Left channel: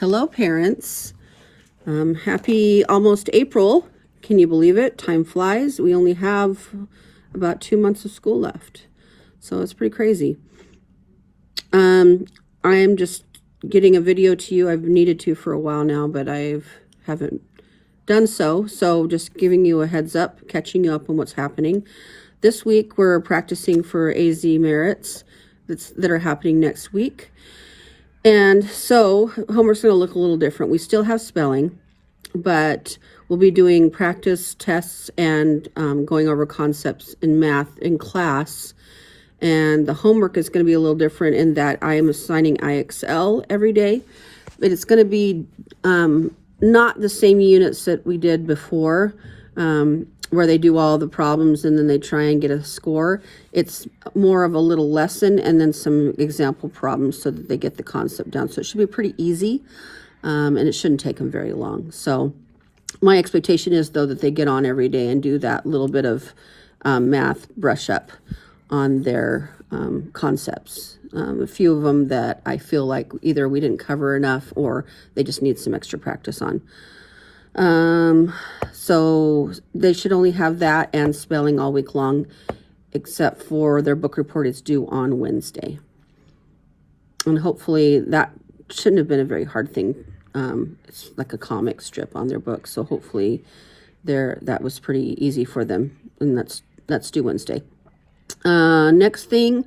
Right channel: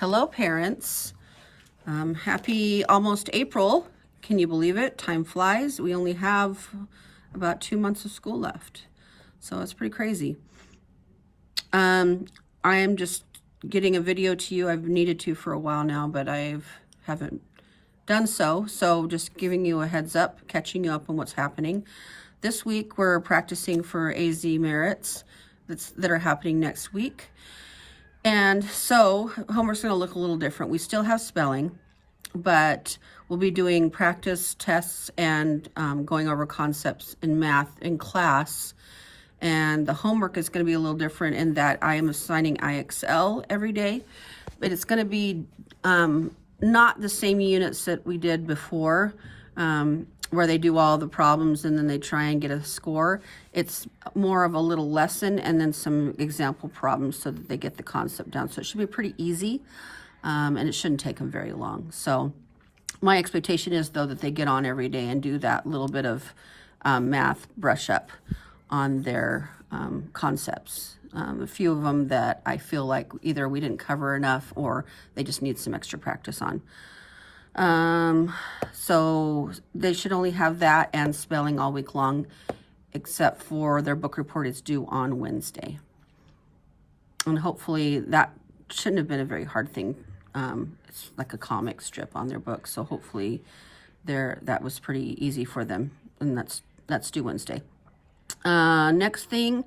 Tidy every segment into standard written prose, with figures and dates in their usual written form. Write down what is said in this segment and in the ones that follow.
Hello, parents. Happy almost April. Can you believe it? Time flies. We only have about 2 months of school left. So it's pretty crazy. I am just getting a video to you. I've needed to for a while now, but I haven't done so. So just giving you a heads up, catching you up on what's happening. This week we're practicing for AZ merits that are happening next week. And so homework's going to look a little different. We still have spelling, but we'll be doing practice tests and going over concepts in math in class. And the homework is going to be a little different in that I am assigning IXL every day. But it's going to be not the same units that we did before, where they do all the problems and then they try and get a score. It's more of a little lesson and then some example problems so that they get the concept down. So it should be pretty easy, and it shouldn't take them very long. So my expectation is, though, that they get on every day and do that little bit of math brush up on their concepts. A few of them that I feel like either we didn't cover enough or they just need some extra practice on. So they should only have that and spelling all week long, except for their book report is due on Wednesday. And hopefully that shouldn't have been a very hard thing. It's like a comic strip on their book. So hopefully that was pretty easy for them. And that's due Wednesday. Next thing,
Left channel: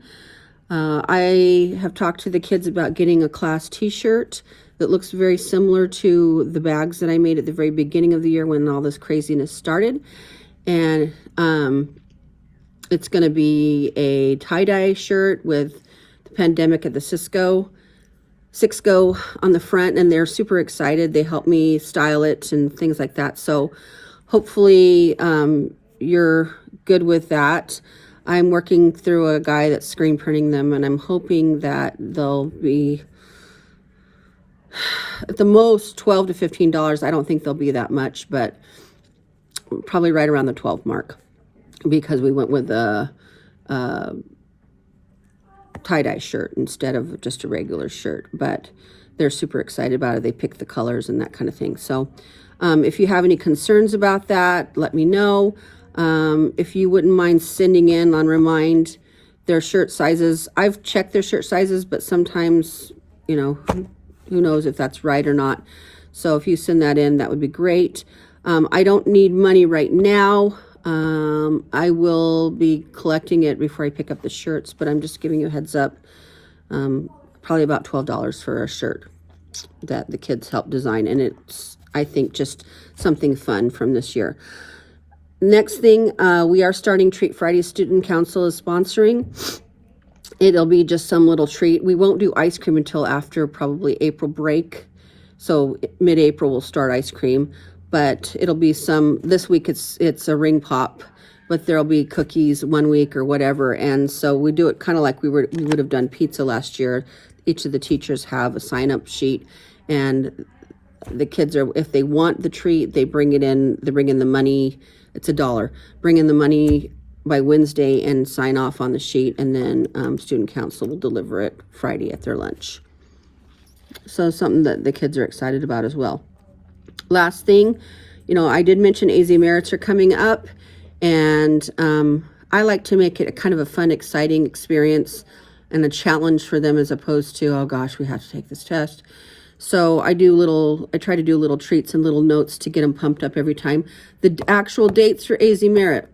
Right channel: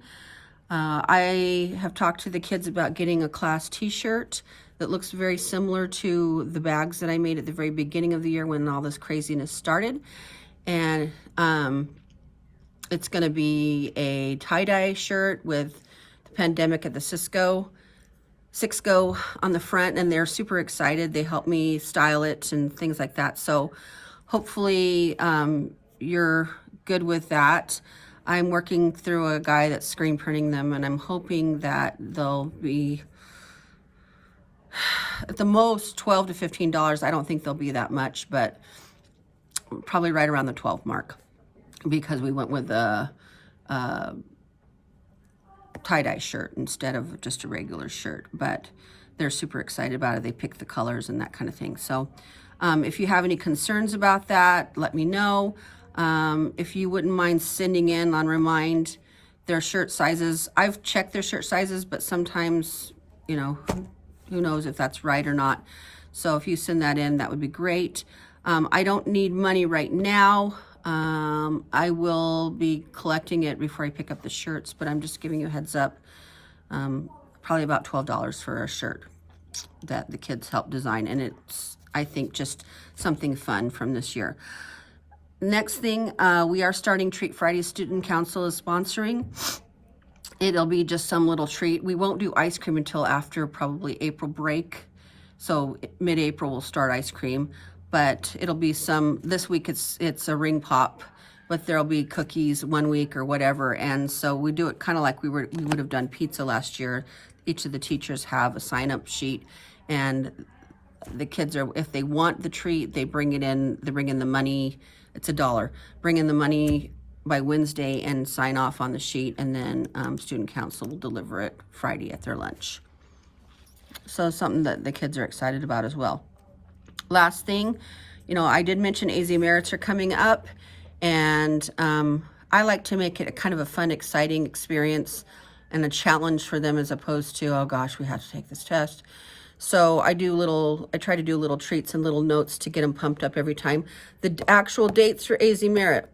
I have talked to the kids about getting a class t-shirt that looks very similar to the bags that I made at the very beginning of the year when all this craziness started. And it's going to be a tie-dye shirt with the pandemic at the Cisco on the front, and they're super excited. They helped me style it and things like that. So hopefully you're good with that. I'm working through a guy that's screen printing them, and I'm hoping that they'll be at the most $12 to $15. I don't think they'll be that much, but probably right around the 12 mark, because we went with a tie-dye shirt instead of just a regular shirt. But they're super excited about it. They pick the colors and that kind of thing. So if you have any concerns about that, let me know. If you wouldn't mind sending in on Remind their shirt sizes. I've checked their shirt sizes, but sometimes, who knows if that's right or not. So if you send that in, that would be great. I don't need money right now. I will be collecting it before I pick up the shirts, but I'm just giving you a heads up. Probably about $12 for a shirt that the kids helped design. And it's, I think, just something fun from this year. Next thing, we are starting Treat Friday. Student Council is sponsoring. It'll be just some little treat. We won't do ice cream until after probably April break. So mid-April we'll start ice cream, but it'll be this week it's a ring pop, but there'll be cookies one week or whatever. And so we do it kind of like we would have done pizza last year. Each of the teachers have a sign-up sheet, and the kids if they want the treat, they bring in the money. It's $1. Bring in the money by Wednesday and sign off on the sheet, and then Student Council will deliver it Friday at their lunch. So something that the kids are excited about as well. Last thing, I did mention AZ Merits are coming up, and I like to make it a kind of a fun, exciting experience and a challenge for them, as opposed to, oh gosh, we have to take this test. So I try to do little treats and little notes to get them pumped up every time. The actual dates for AZ Merit:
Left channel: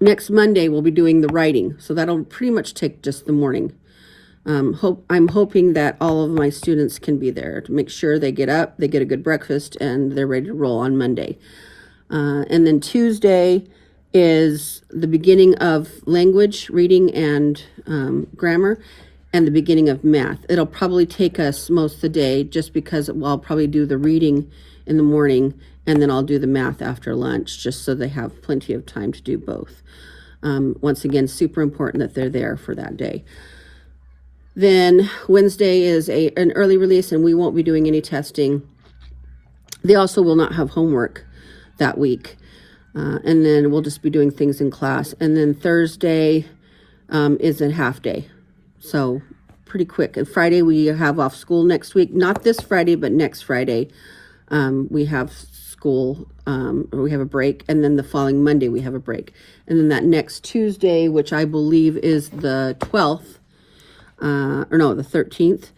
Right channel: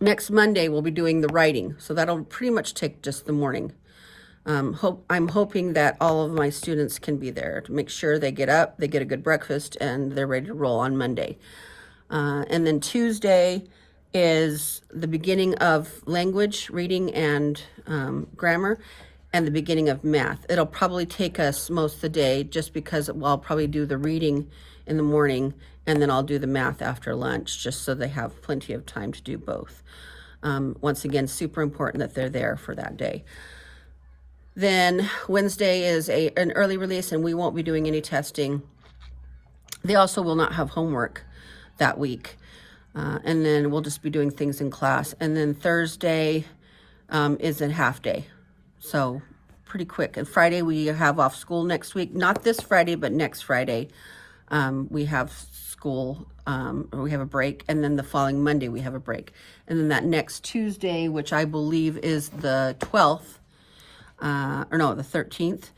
next Monday we'll be doing the writing, so that'll pretty much take just the morning. I'm hoping that all of my students can be there to make sure they get up, they get a good breakfast, and they're ready to roll on Monday. And then Tuesday is the beginning of language, reading, and grammar, and the beginning of math. It'll probably take us most of the day, just because I'll probably do the reading in the morning, and then I'll do the math after lunch, just so they have plenty of time to do both. Once again, super important that they're there for that day. Then Wednesday is an early release, and we won't be doing any testing. They also will not have homework that week. And then we'll just be doing things in class. And then Thursday is a half day. So pretty quick. And Friday, we have off school next week. Not this Friday, but next Friday. We have school, or we have a break. And then the following Monday, we have a break. And then that next Tuesday, which I believe is the 12th, or no, the 13th,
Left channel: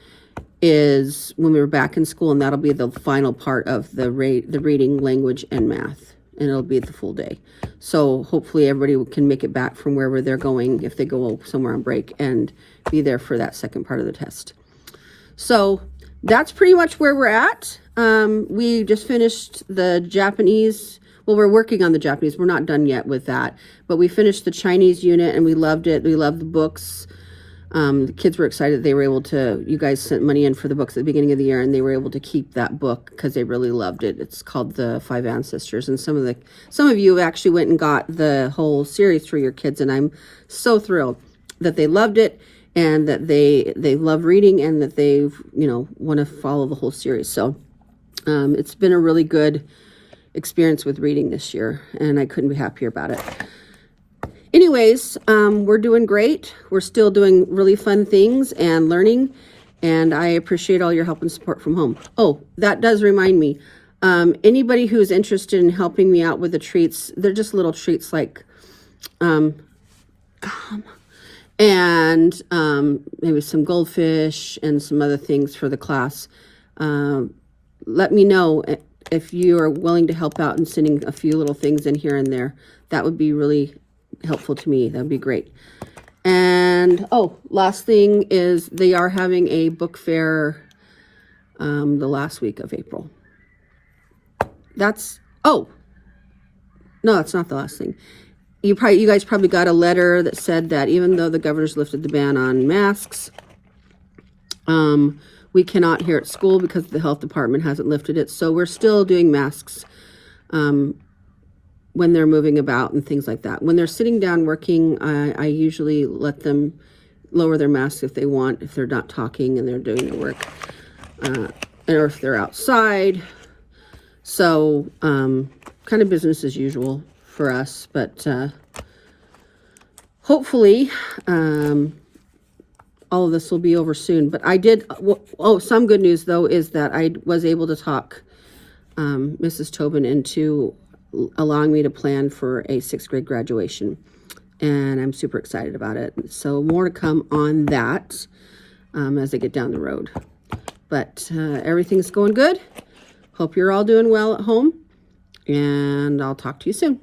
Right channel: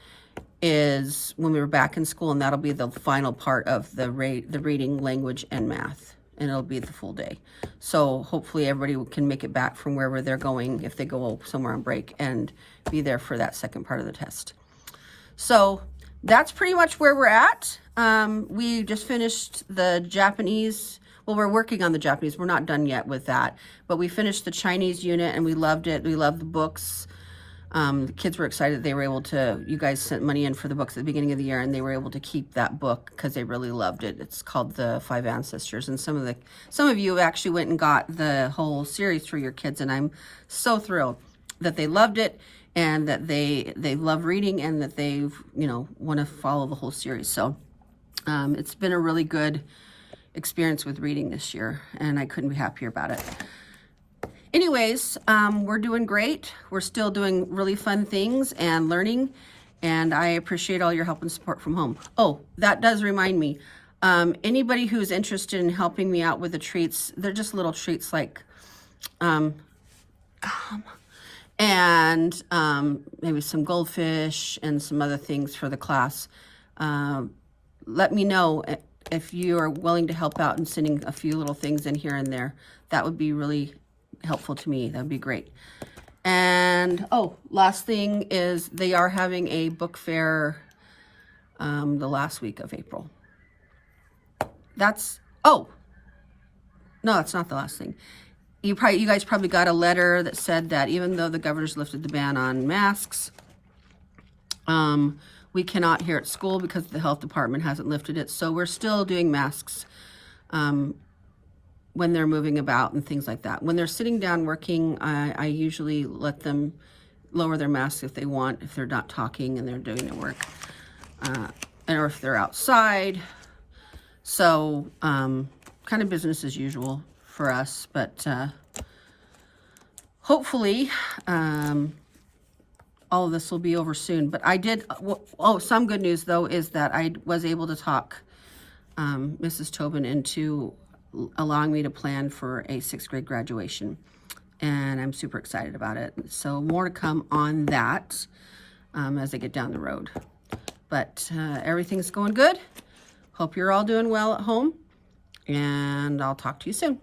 is when we were back in school. And that'll be the final part of the reading, language, and math. And it'll be the full day. So hopefully everybody can make it back from wherever they're going if they go somewhere on break and be there for that second part of the test. So that's pretty much where we're at. We just finished the Japanese. Well, we're working on the Japanese. We're not done yet with that. But we finished the Chinese unit and we loved it. We loved the books. The kids were excited. They were able to, you guys sent money in for the books at the beginning of the year and they were able to keep that book because they really loved it. It's called The Five Ancestors. And some of you actually went and got the whole series for your kids. And I'm so thrilled that they loved it and that they love reading and that they, want to follow the whole series. So, it's been a really good experience with reading this year and I couldn't be happier about it. Anyways, we're doing great. We're still doing really fun things and learning, and I appreciate all your help and support from home. Oh, that does remind me. Anybody who's interested in helping me out with the treats, they're just little treats like, maybe some goldfish and some other things for the class. Let me know if you are willing to help out and sending a few little things in here and there. That would be really helpful to me. That'd be great. And last thing is they are having a book fair the last week of April. No, that's not the last thing. You guys probably got a letter that said that even though the governor's lifted the ban on masks, we cannot here at school because the health department hasn't lifted it. So we're still doing masks when they're moving about and things like that. When they're sitting down working, I usually let them lower their masks if they want, if they're not talking and they're doing their work, or if they're outside. So kind of business as usual for us, but hopefully all of this will be over soon. But I did, some good news though is that I was able to talk Mrs. Tobin into allowing me to plan for a 6th grade graduation. And I'm super excited about it. So more to come on that as I get down the road. But everything's going good. Hope you're all doing well at home. And I'll talk to you soon.